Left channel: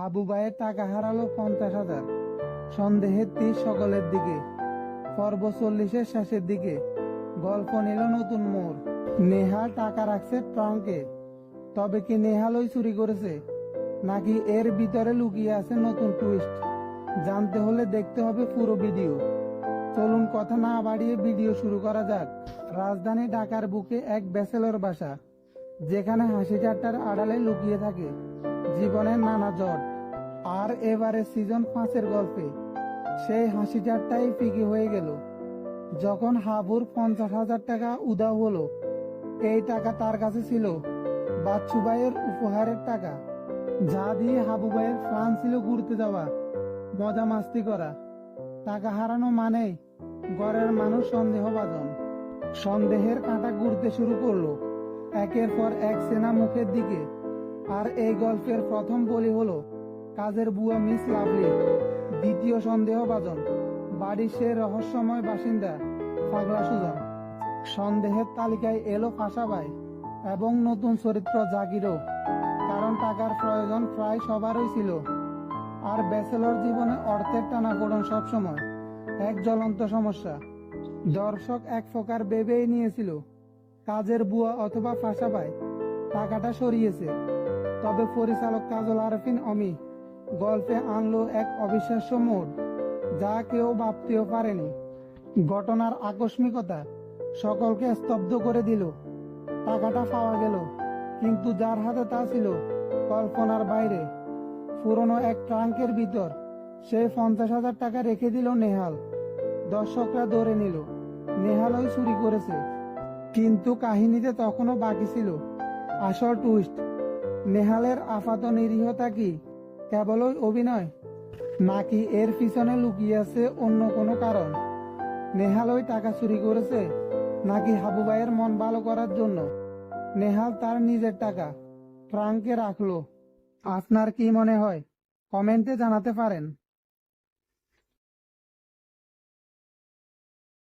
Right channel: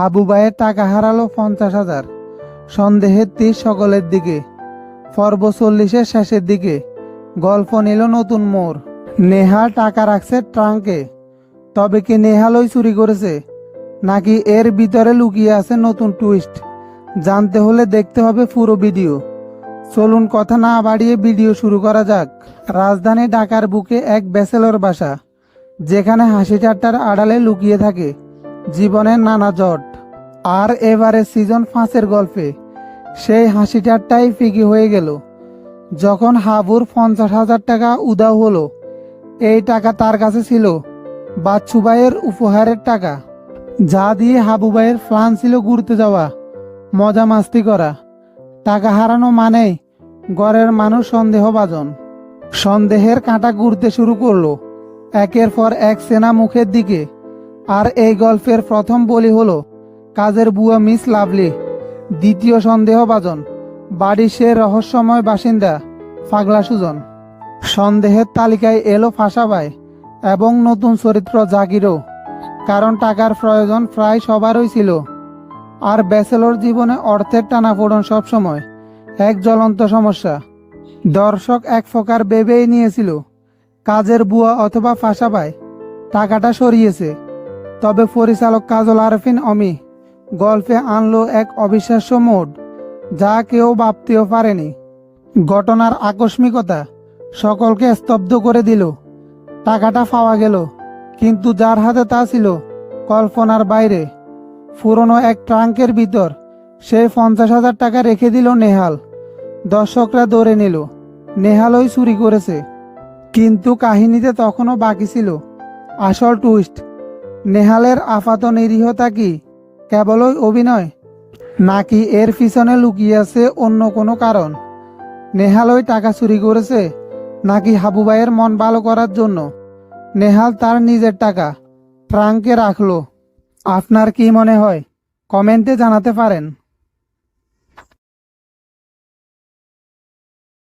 হাবু ভাইয়ের টাকা হারালো পঞ্চাশ হাজার। সন্দেহের তীর সকলের দিকে। পর্ব চল্লিশের শেষের দিকে। গল্প নিল নতুন মোড়। নেহা টাকা রাখছে ট্রাঙ্কে। তবে কি নেহালই চুরি করেছে? নাকি এর ভিতরে লুকিয়ে আছে নতুন টুইস্ট? জানতে হলে দেখতে হবে পুরো ভিডিও। চলুন কথা না বাড়িয়ে ভিডিও শুরু করা যাক। রাজধানী ঢাকার বুকে এক ব্যাচেলর বাসা। যেখানে হাসি ঠাট্টার আড়ালে লুকিয়ে থাকে। জীবনের নানা জট। আর এবারে সিজন পাঁচের গল্পে। সেই হাসি ঠাট্টাই ফিকি হয়ে গেল। যখন হাবুর পঞ্চাশ হাজার টাকা উদাও হলো, এই টাকা তার কাছে ছিল, বাচ্চু ভাইয়ের উপহারের টাকা। যা দিয়ে হাবু ভাইয়ের ছিল ঘুরতে যাওয়া, মজা মাস্তি করা। টাকা হারানো মানেই ঘরের মানুষ সন্দেহভাজন। সন্দেহের কাঁটা ঘুরতে শুরু করল। একের পর এক সেনা মুখের দিকে। আর এই গল্পের প্রথম বলি হলো কাজের বুয়া মিস লাভলি। দ্বিতীয় সন্দেহভাজন। বাড়ির সে রহস্যময় বাসিন্দা ফাগলা সুজন। সন্দেহের তালিকায় এলো ফাঁসাবাই এবং নতুন চরিত্র জাগিরও। কারণ টাকার প্রয়োজন প্রায় সবারই ছিল। আর ব্যাচেলর জীবনে অর্থের টানাপোড়ন সবসময় এক জ্বলন্ত সমস্যা। দর্শক এক প্রকার ভেবেই নিয়েছিল, কাজের বুয়া অথবা ফাঁসাবাই টাকাটা সরিয়েছে। তবে পরিচালক কাজল আরফিন অমি গল্পে আনলো এক অবিশ্বাস্য মোড, যা কেউ ভাবতেও পারেনি। ঘটনার আকস্মিকতা সকলকে স্তব্ধ করে দিল। টাকাটা পাওয়া গেল, কিন্তু যার হাতে তা ছিল কল্পনার বাইরে। পুরনো এক ট্রাঙ্কের ভিতর সে পঞ্চাশ হাজার টাকা রেখে দিল নেহাল। দর্শকরা ধরে নিল, নেহালই চুরি করেছে। কিন্তু কাহিনীতে তখনও বাকি ছিল। আসল টুইস্ট নেহালের আপাত নিরীহতা কি? কেবলই অভিনয়, নাকি এর পিছনে লুকিয়ে আছে অন্য কোনো কারণ? নেহালই টাকা চুরি করেছে, নাকি হাবু ভাইয়ের মন ভালো করার জন্য? নেহাল তার নিজের টাকা ফ্রাঙ্কে রাখল। আপনার কি মনে হয়? কমেন্টে জানাতে পারেন।